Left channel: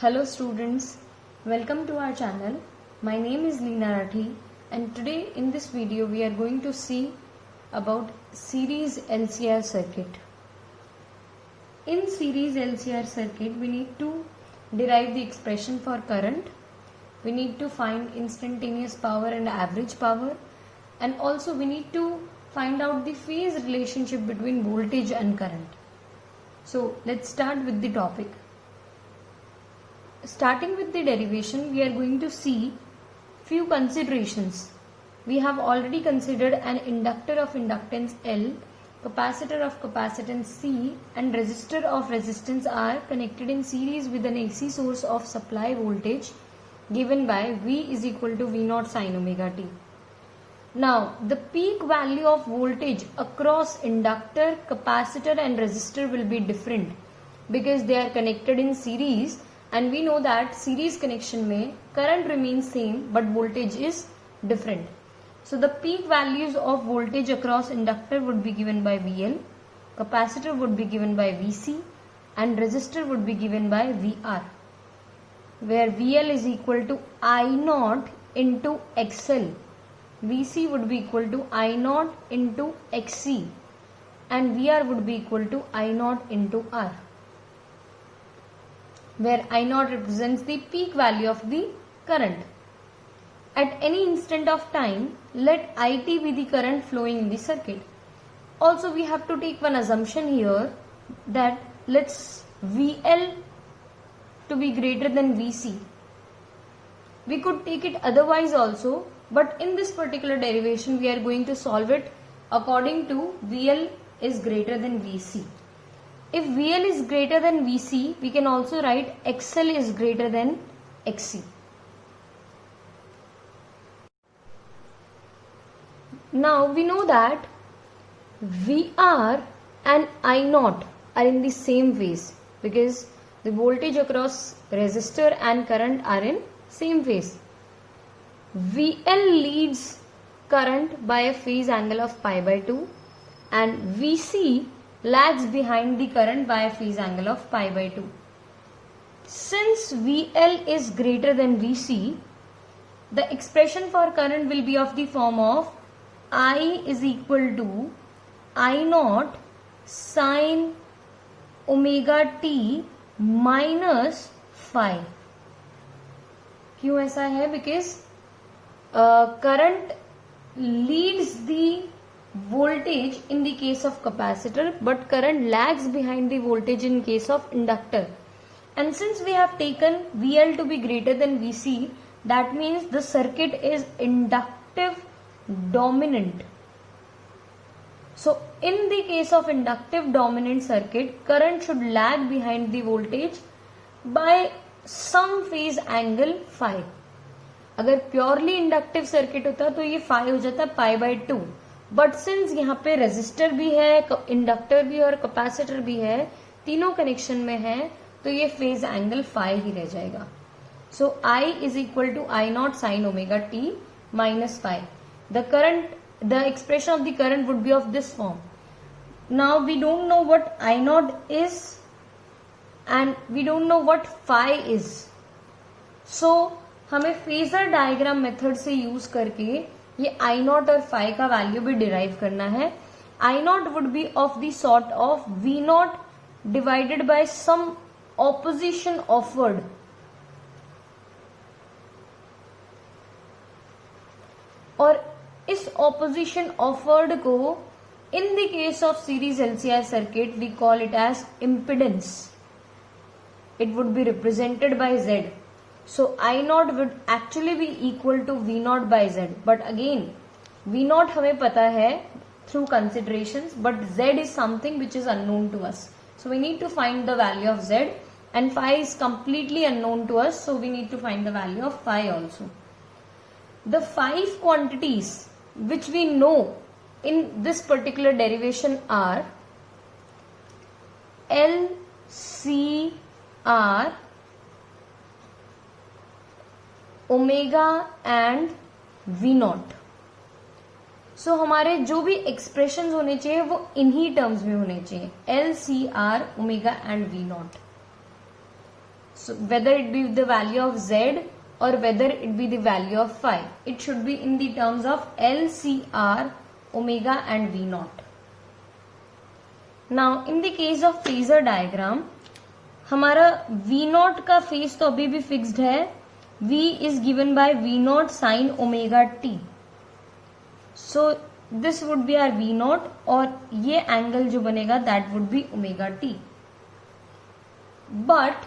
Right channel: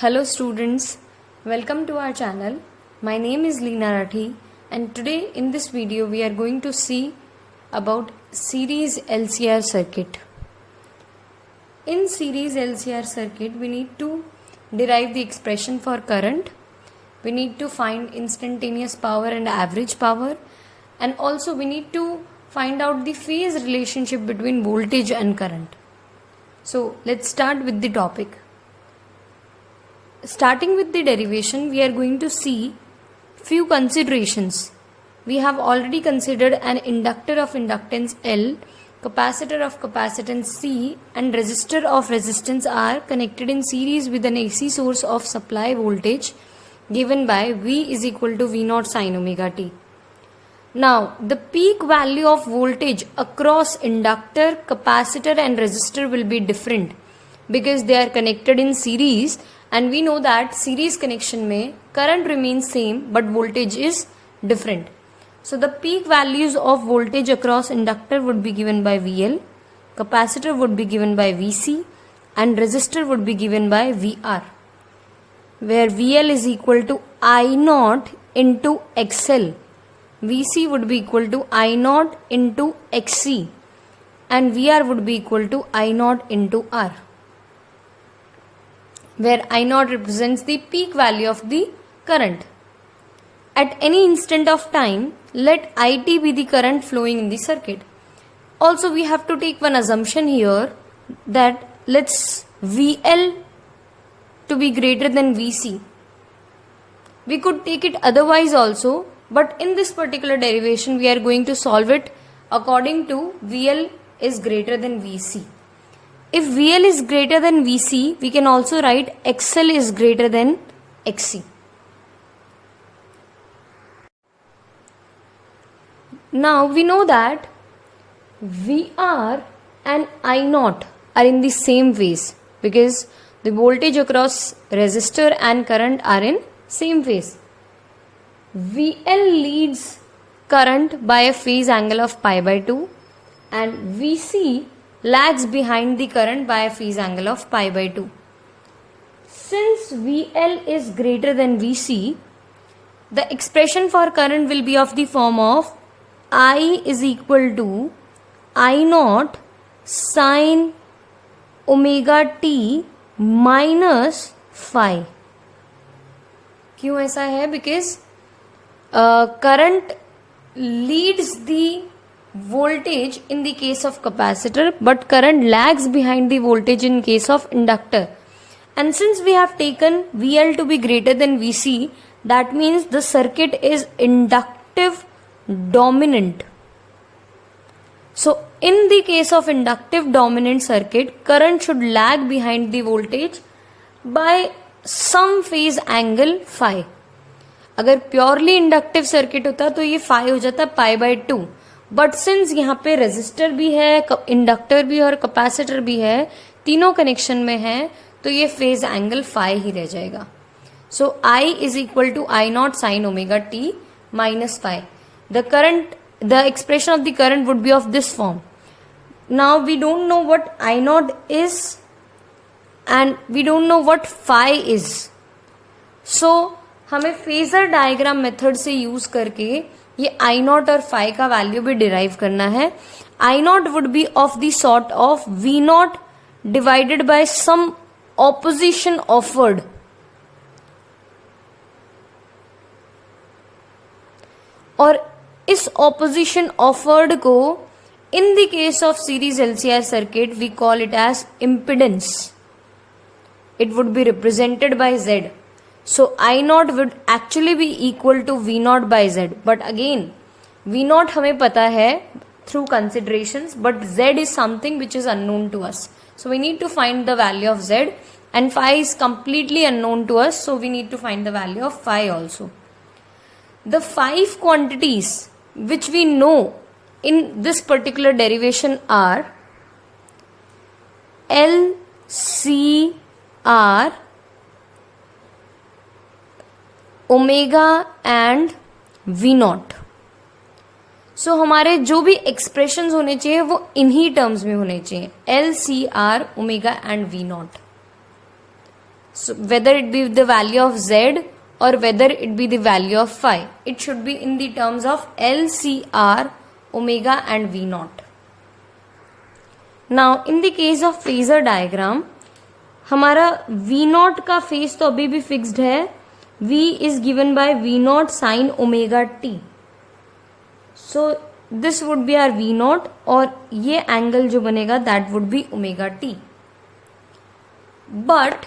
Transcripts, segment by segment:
Hello students, welcome to our channel. My name is Leena Rathi and today in this video we are going to see about series LCR circuit. In series LCR circuit we need to derive the expression for current. We need to find instantaneous power and average power, and also we need to find out the phase relationship between voltage and current. So let's start with the topic. Starting with the derivation, we are going to see few considerations. We have already considered an inductor of inductance L, capacitor of capacitance C, and resistor of resistance R connected in series with an AC source of supply voltage given by V is equal to V0 sin omega t. Now, the peak value of voltage across inductor, capacitor and resistor will be different because they are connected in series. And we know that series connection में current remains same but voltage is different. So the peak values of voltage across inductor would be given by VL, capacitor would be given by VC, and resistor would be given by VR, where VL is equal to I0 into XL, VC would be equal to I0 into XC, and VR would be equal to I0 into R, where I0 represents the peak value of the current. At any instant of time, let IT be the current flowing in the circuit. Also, we have to take one assumption here that let's VL to be greater than VC. We could take it otherwise also, but in this particular derivation, we are going to solve it according to VL is greater than VC. If VL is greater than VC, we can also write XL is greater than XC. Now we know that VR and I0 are in the same phase because the voltage across resistor and current are in same phase. VL leads current by a phase angle of pi by 2 and VC lags behind the current by a phase angle of pi by 2. Since VL is greater than VC, the expression for current will be of the form of I is equal to I0 sin omega t minus phi. क्यों ऐसा है? Because current leads the voltage in the case of capacitor but current lags behind the voltage in case of inductor, and since we have taken VL to be greater than VC, that means the circuit is inductive dominant. So in the case of inductive dominant circuit, current should lag behind the voltage by some phase angle phi. अगर purely inductive circuit होता तो ये phi हो जाता pi by 2, but since यहाँ पे resistor भी है, इंडक्टर भी और कैपेसिटर भी है, तीनों कनेक्शन में है, तो ये फेज एंगल फाई ही रह जाएगा. So I is equal to I0 sine omega t minus phi. The expression of the current would be of this form. Now we don't know what I0 is and we don't know what phi is. So हमें phasor diagram method से use करके ये I0 और phi का value भी derive करना है. I0 would be of the sort of V0 divided by some opposition offered. और इस ऑपोजिशन ऑफर्ड को in the case of series LCR circuit we call it as impedance. It would be represented by Z. So I0 would actually be equal to V0 by Z. But again, V0 हमें पता है through considerations, but Z is something which is unknown to us. So we need to find the value of Z, and phi is completely unknown to us. So we need to find the value of phi also. The 5 quantities which we know in this particular derivation are L, C, R, omega and V0. सो हमारे जो भी expressions होने चाहिए वो इन्हीं terms में होने चाहिए, L, C, R, omega and V0. So whether it be the value of z or whether it be the value of phi, it should be in the terms of L, C, R, omega and V naught. Now in the case of phasor diagram, हमारा V naught का phase तो अभी भी fixed है. V is given by V naught sin omega t. So this would be our V naught और ये angle जो बनेगा that would be omega t. But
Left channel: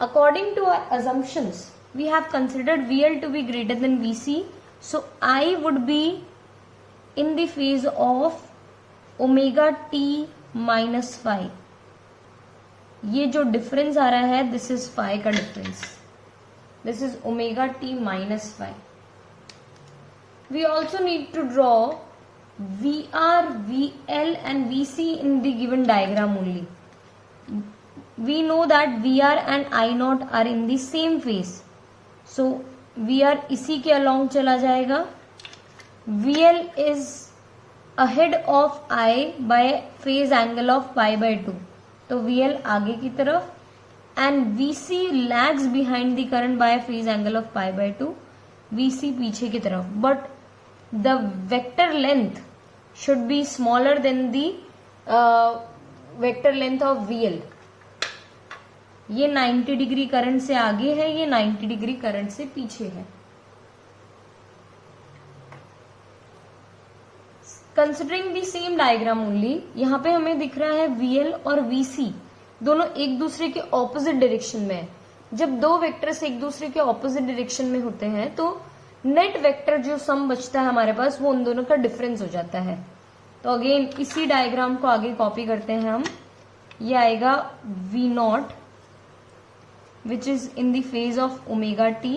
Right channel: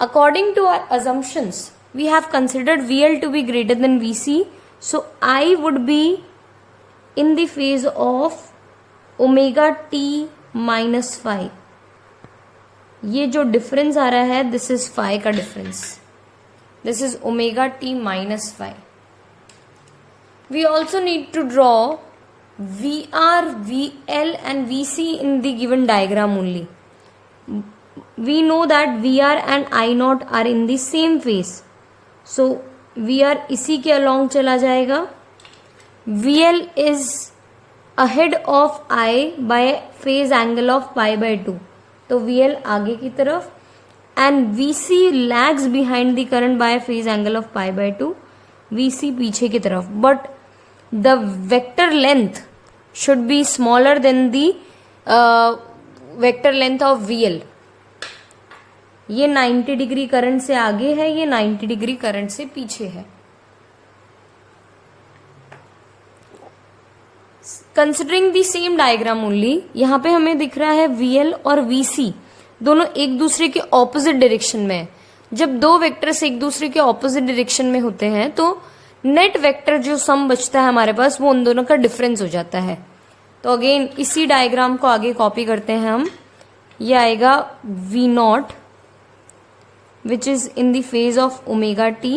according to our assumptions, we have considered VL to be greater than VC. So I would be in the phase of omega t minus phi. ये जो difference आ रहा है, this is phi का difference. This is omega t minus phi. We also need to draw VR, VL and VC in the given diagram only. We know that VR and I naught are in the same phase. So VR इसी के along चला जाएगा. VL is ahead of I by phase angle of pi by 2. तो VL आगे की तरफ and VC lags behind the current by phase angle of pi by 2. VC पीछे की तरफ. But the vector length should be smaller than the vector length of VL. ये 90 degree current से आगे है, ये 90 डिग्री करंट से पीछे है. Considering the same diagram only, यहाँ पे हमें दिख रहा है VL और VC दोनों एक दूसरे के ऑपोजिट डायरेक्शन में है. जब दो वेक्टर्स एक दूसरे के ऑपोजिट डायरेक्शन में होते हैं तो नेट वेक्टर जो सम बचता है हमारे पास वो उन दोनों का डिफरेंस हो जाता है. तो अगेन इसी डायग्राम को आगे कॉपी करते हैं हम. ये आएगा V not which is in the phase of omega t.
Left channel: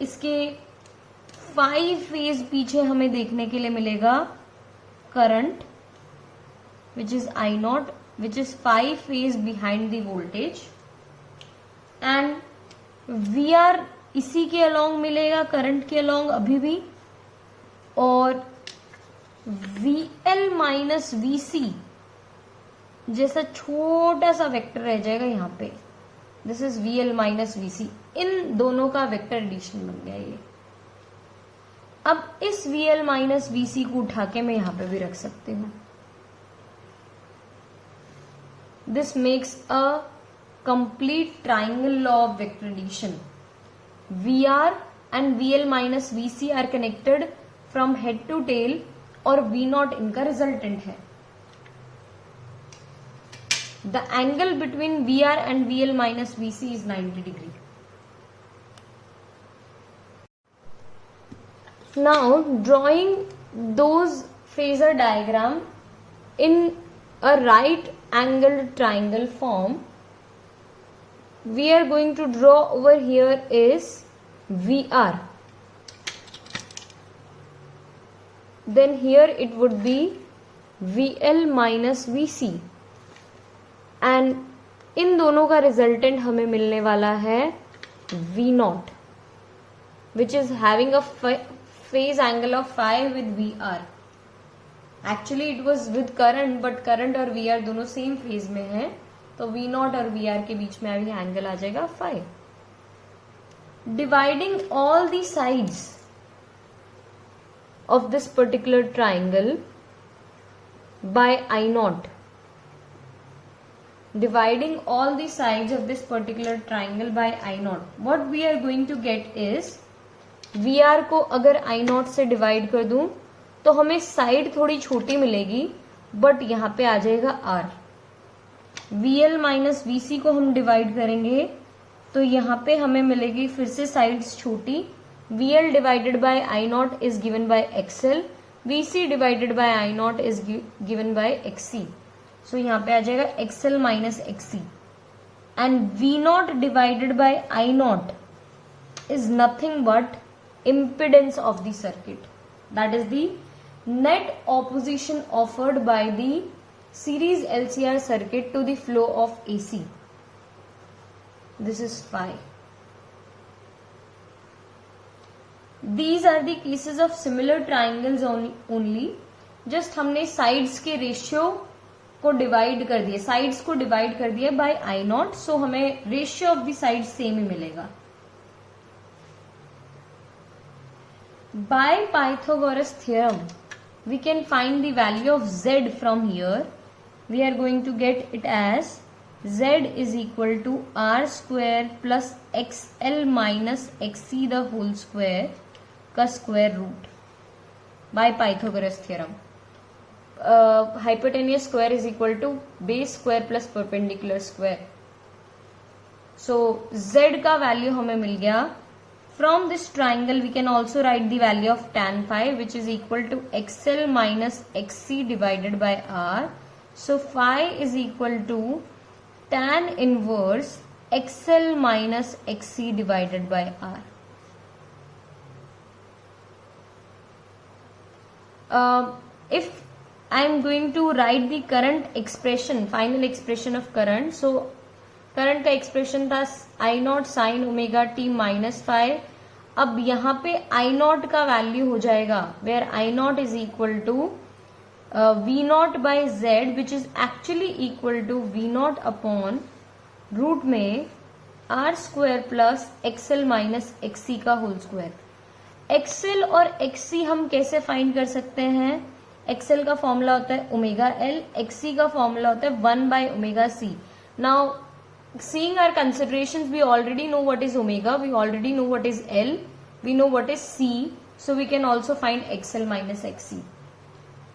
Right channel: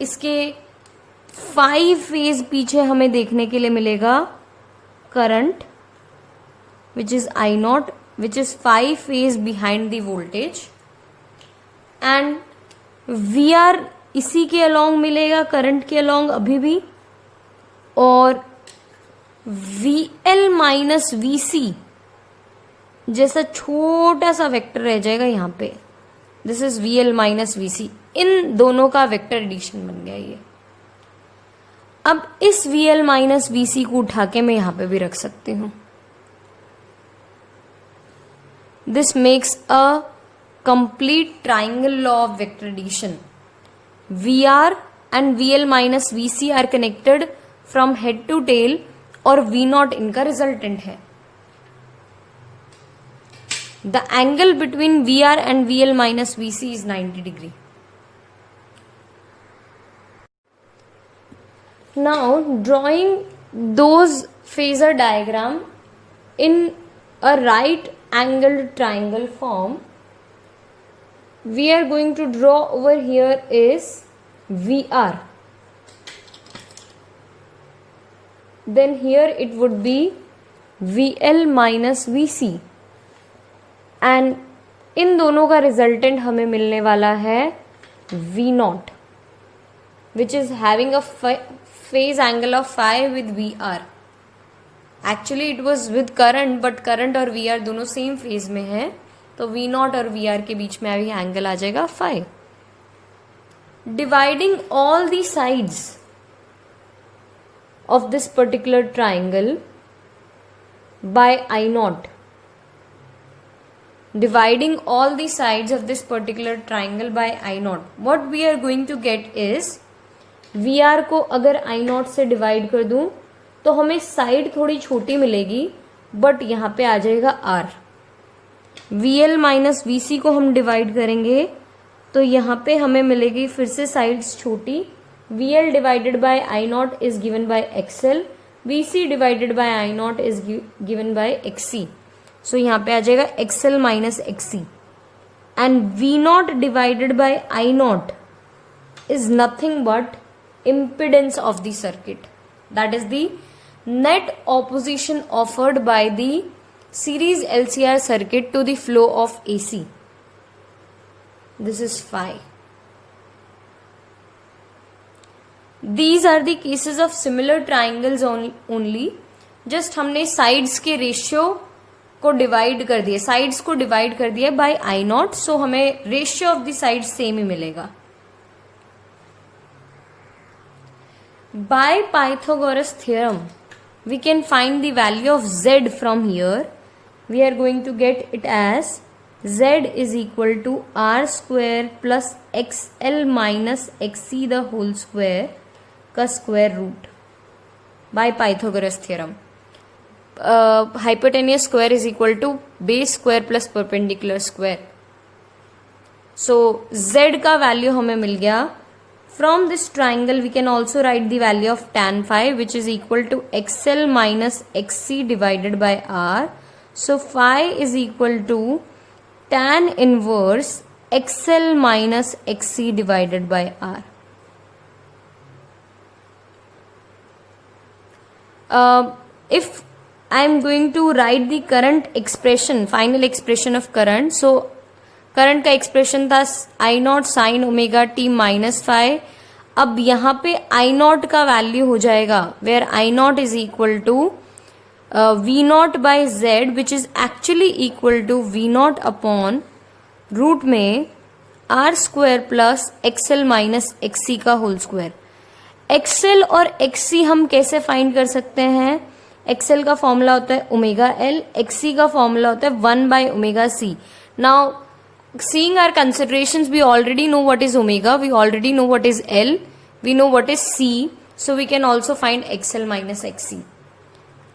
इसके 5 फेज पीछे हमें देखने के लिए मिलेगा current which is I naught, which is 5 phase behind the voltage, and VR इसी के along मिलेगा, करंट के along अभी भी, और VL माइनस VC जैसा छोटा सा वेक्टर रह जाएगा यहाँ पे. This is VL minus VC. इन दोनों का वेक्टर एडिशन बन गया ये. अब इस VL माइनस VC को उठा के मैं यहाँ पे भी रख सकती हूँ. This makes a complete triangle law of vector addition. VR and VL minus VC are connected from head to tail और V नॉट इनका रिजल्टेंट है. The angle between VR and VL minus VC is 90 degree. Now drawing those phasor diagram in a right angled triangle form, we are going to draw over here is VR. Then here it would be VL minus VC. And in दोनों का resultant हमें मिलने वाला है V not which is having a phase angle of phi with VR. Actually it was with current, but current और VR दोनों same phase में है, तो V नॉट और VR के बीच में अभी एंगल आ जाएगा phi. Dividing all the sides of this particular triangle by I naught. Dividing all the sides of this particular triangle by I naught, what we are going to get is VR को अगर I naught से divide कर दूं तो हमें side थोड़ी छोटी मिलेगी, बट यहाँ पे आ जाएगा R. VL माइनस VC को हम डिवाइड करेंगे तो यहाँ पे हमें मिलेगी फिर से साइड्स छोटी. VL divided by I naught is given bye XL. VC divided by I naught is given bye XC. सो यहाँ पे आ जाएगा XL minus XC. And V not divided by I not is nothing but impedance of the circuit. That is the net opposition offered by the series LCR circuit to the flow of AC. This is phi. These are the cases of similar triangles only. Just हमने sides के ratio को divide कर दिया, sides को divide कर दिया bye आई naught, so हमें ratio of the side same ही मिलेगा. By Pythagoras theorem, we can find the value of z from here. We are going to get it as z is equal to r square plus xl minus xc the whole square का square root by Pythagoras theorem. Hypotenuse square is equal to base square plus perpendicular square. So z का value हमें मिल गया. From this triangle we can also write the value of tan phi, which is equal to xl minus xc divided by r. So phi is equal to tan inverse xl minus xc divided by r. If I am going to write the current expression, final expression of current, so current का expression था I naught sine omega t minus five. अब यहाँ पे I naught का value हो जाएगा where I naught is equal to V naught by Z, which is actually equal to V naught upon root में R square plus XL minus XC का whole square. XL और XC हम कैसे find कर सकते हैं? एक्सएल का formula होता है ओमेगा एल, एक्सी का फॉर्मूला होता है 1 by omega C. Now seeing our considerations, we already know what is omega, we already know what is L, we know what is C, so we can also find XL minus XC.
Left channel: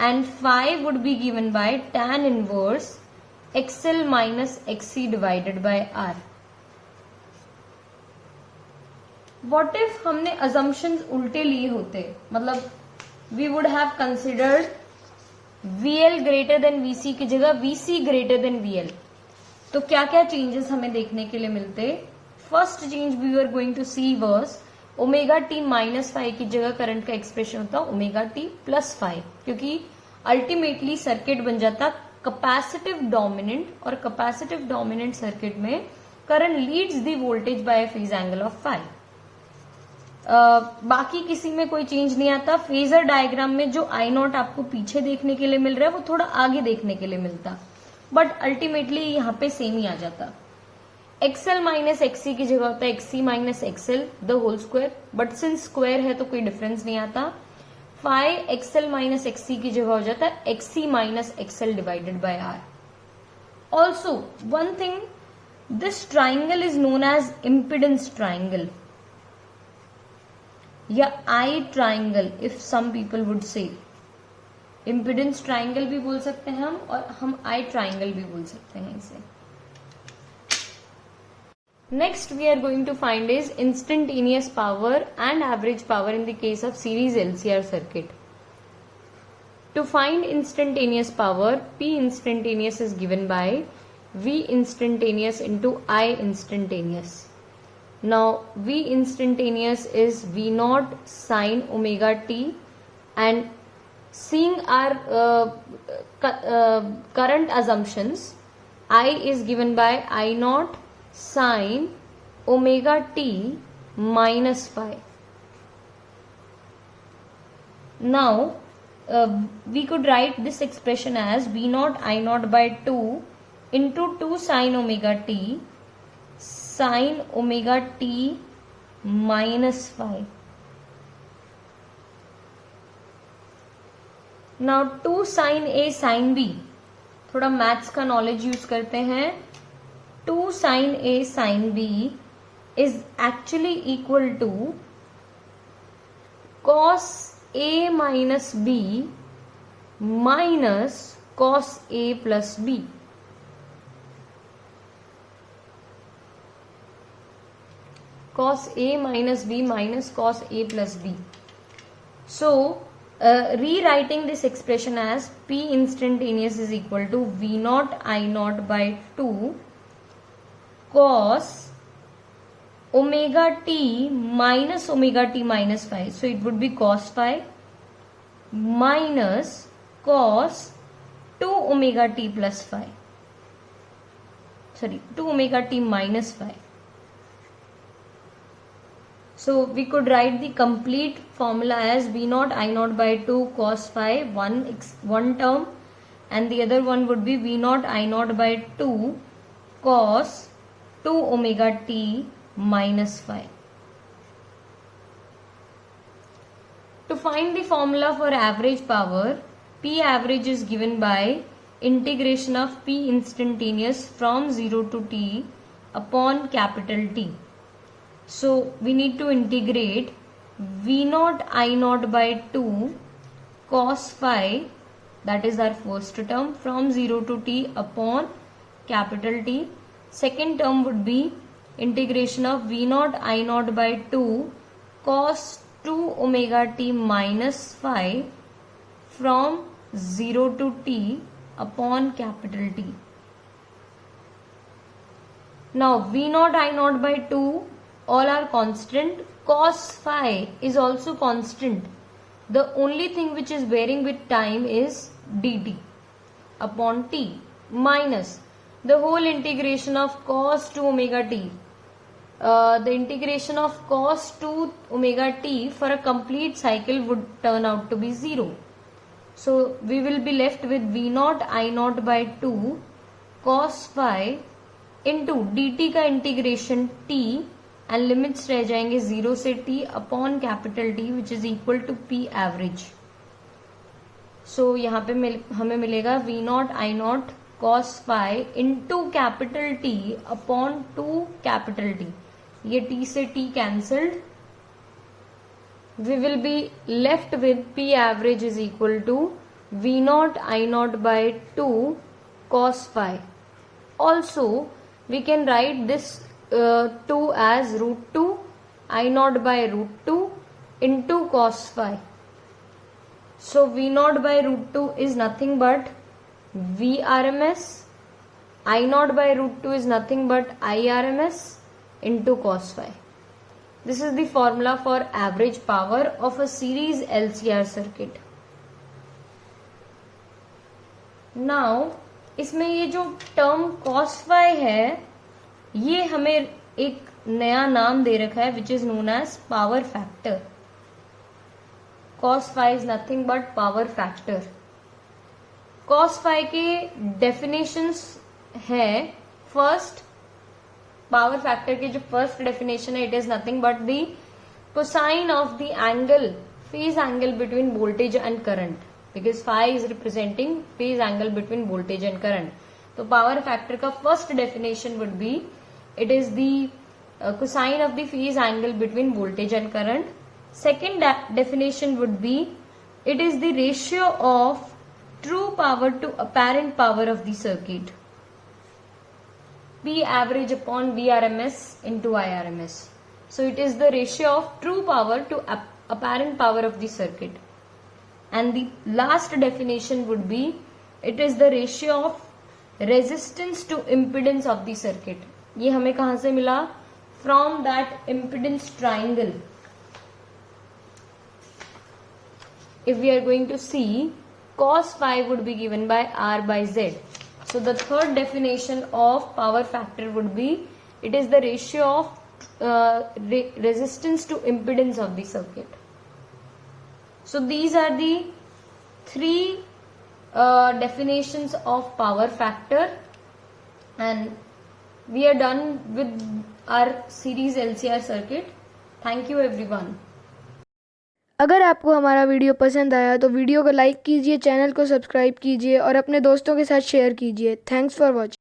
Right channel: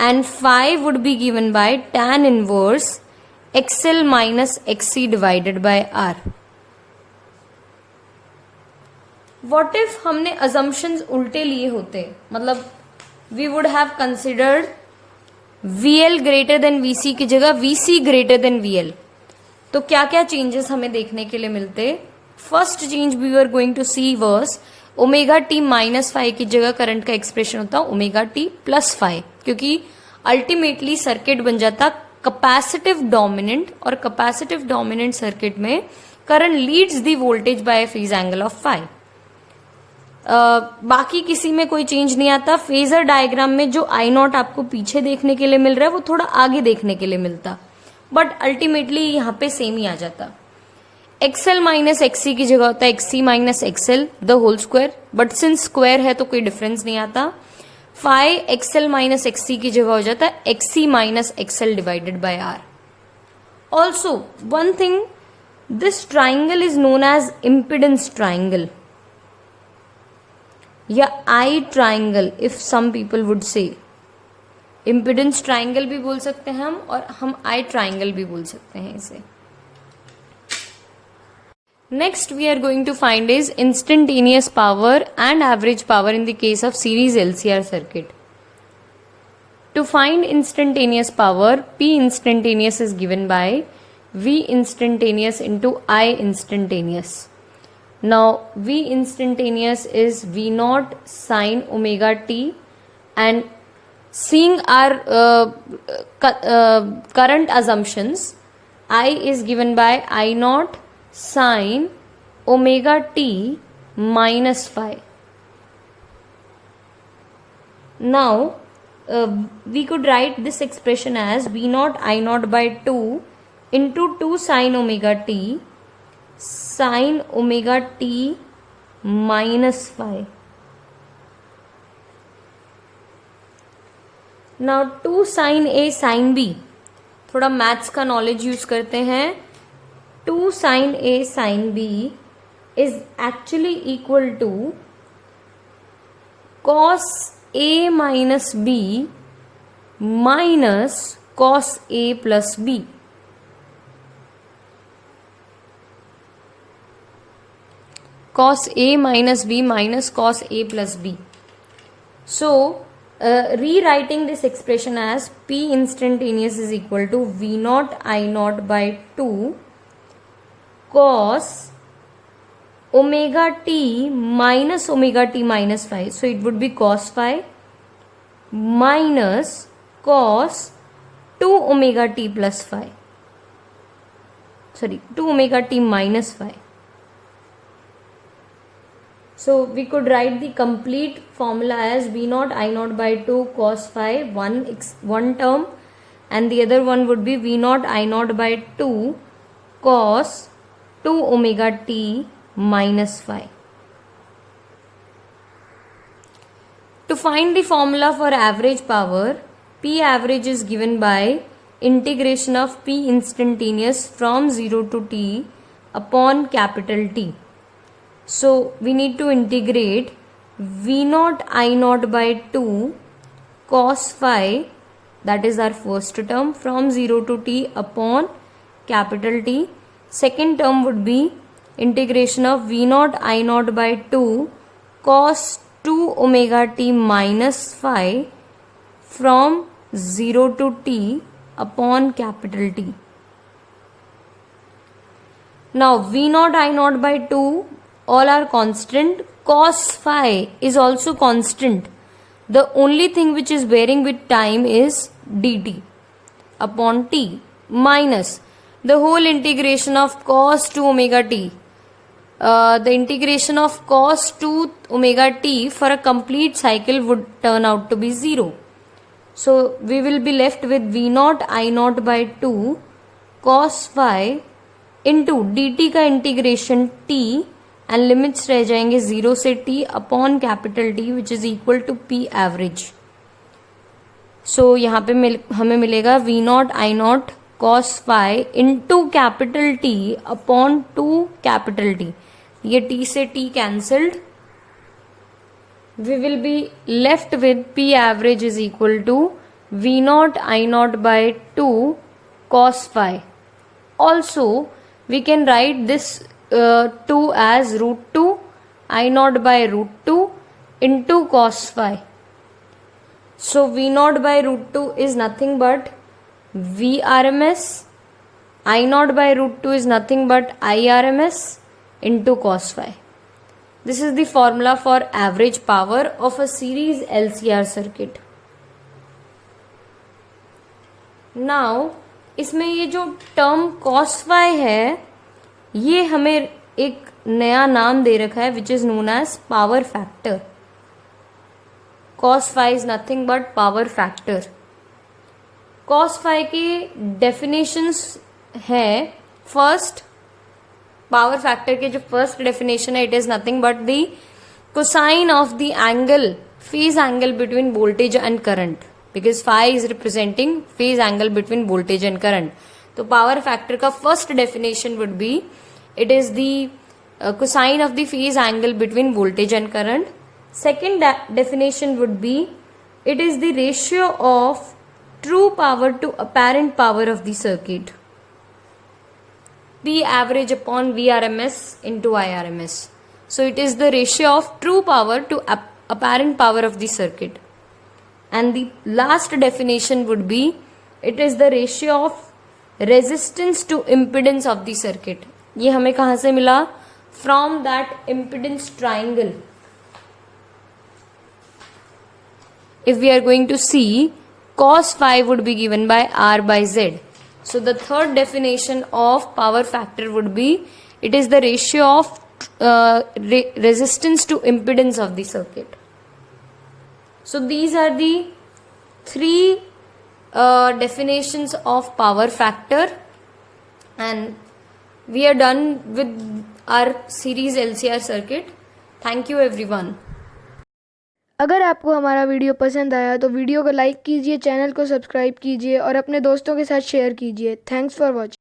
And phi would be given by tan inverse XL minus XC divided by R. What if हमने assumptions उल्टे लिए होते, मतलब we would have considered VL greater than VC की जगह VC greater than VL, तो क्या क्या चेंजेस हमें देखने के लिए मिलते? First change we are going to see verse omega t minus five की जगह करंट का एक्सप्रेशन होता ओमेगा टी प्लस फाइव, क्योंकि अल्टीमेटली सर्किट बन जाता कैपेसिटिव डोमिनेंट, और कैपेसिटिव डोमिनेंट सर्किट में current leads the voltage by a phase angle of five. बाकी किसी में कोई चेंज नहीं आता. फेजर डायग्राम में जो आई नॉट आपको पीछे देखने के लिए मिल रहा है वो थोड़ा आगे देखने के लिए मिलता, बट अल्टीमेटली यहाँ पे सेम ही आ जाता. एक्सएल माइनस एक्सी की जगह होता है XC minus X L the whole square, but since square है तो कोई डिफरेंस नहीं आता. फाइव एक्सएल माइनस एक्सी की जगह हो जाता है XC minus XL divided by R. Also one thing, this triangle is known as impedance triangle या I triangle if some people would say. Impedance triangle भी बोल सकते हैं हम, और हम आई ट्राइंगल भी बोल सकते हैं इसे. Next we are going to find is instantaneous power and average power in the case of series LCR circuit. To find instantaneous power, P instantaneous is given by V instantaneous into I instantaneous. Now V instantaneous is V naught sine omega t, and seeing our current assumptions, I is given by I naught sine omega t minus phi. Now we could write this expression as V naught I naught by 2 into 2 sine omega t minus phi. Now 2 sine A sine B, थोड़ा maths का knowledge use करते हैं. 2 sine A sine B is actually equal to cos A minus B minus cos A plus B. Cos A minus B minus cos A plus B. So rewriting this expression as P instantaneous is equal to V naught I naught by 2 cos omega t minus phi. So it would be cos phi minus cos 2 omega t plus phi. Sorry, 2 omega t minus phi. So we could write the complete formula as V naught I naught by 2 cos phi, one term, and the other one would be V naught I naught by 2 cos 2 omega t minus phi. To find the formula for average power, P average is given by integration of P instantaneous from 0 to t upon capital T. So we need to integrate V naught I naught by 2 cos phi, that is our first term, from 0 to t upon capital T. Second term would be integration of V naught I naught by 2 cos 2 omega t minus phi from 0 to t upon capital T. Now V naught I naught by 2 all are constant. Cos phi is also constant. The only thing which is varying with time is dt upon t minus the whole integration of cos 2 omega t. The integration of cos 2 omega t for a complete cycle would turn out to be 0. So we will be left with V naught I naught by 2 cos phi into dt का integration t and limits रह जाएंगे 0 से t upon capital T which is equal to P average. So यहाँ पे हमें मिलेगा V naught I naught cos phi into capital T upon 2 capital T. ये t से t cancelled. We will be left with P average is equal to V naught I naught by 2 cos phi. Also, we can write this 2 as root 2 I naught by root 2 into cos phi. So V naught by root 2 is nothing but V RMS. I naught by root 2 is nothing but I RMS into cos phi. This is the formula for average power of a series LCR circuit. Now, इसमें ये जो term cos phi है, ये हमें एक नया नाम दे रखा है which is known as power factor. Cos phi is nothing but power factor. Cos phi के definitions है, first पावर फैक्टर के जो फर्स्ट डेफिनेशन है it is nothing but the cosine of the angle phase angle between voltage and current, because phi is representing phase angle between voltage and current. तो power factor का first definition would be it is the cosine of the phase angle between voltage and current. Second definition would be it is the ratio of true power to apparent power of the circuit. P average upon VRMS into IRMS. So it is the ratio of true power to apparent power of the circuit. And the last definition would be it is the ratio of resistance to impedance of the circuit. ये हमें कहाँ से मिला? From that impedance triangle. If we are going to see, cos phi would be given by R by Z. So the third definition of power factor would be it is the ratio of resistance to impedance of the circuit. So these are the three definitions of power factor, and we are done with our series LCR circuit. Thank you everyone. अगर आपको हमारा video पसंद आया तो video को like कीजिए, channel को subscribe कीजिए और अपने दोस्तों के साथ शेयर कीजिए. Thanks for watching.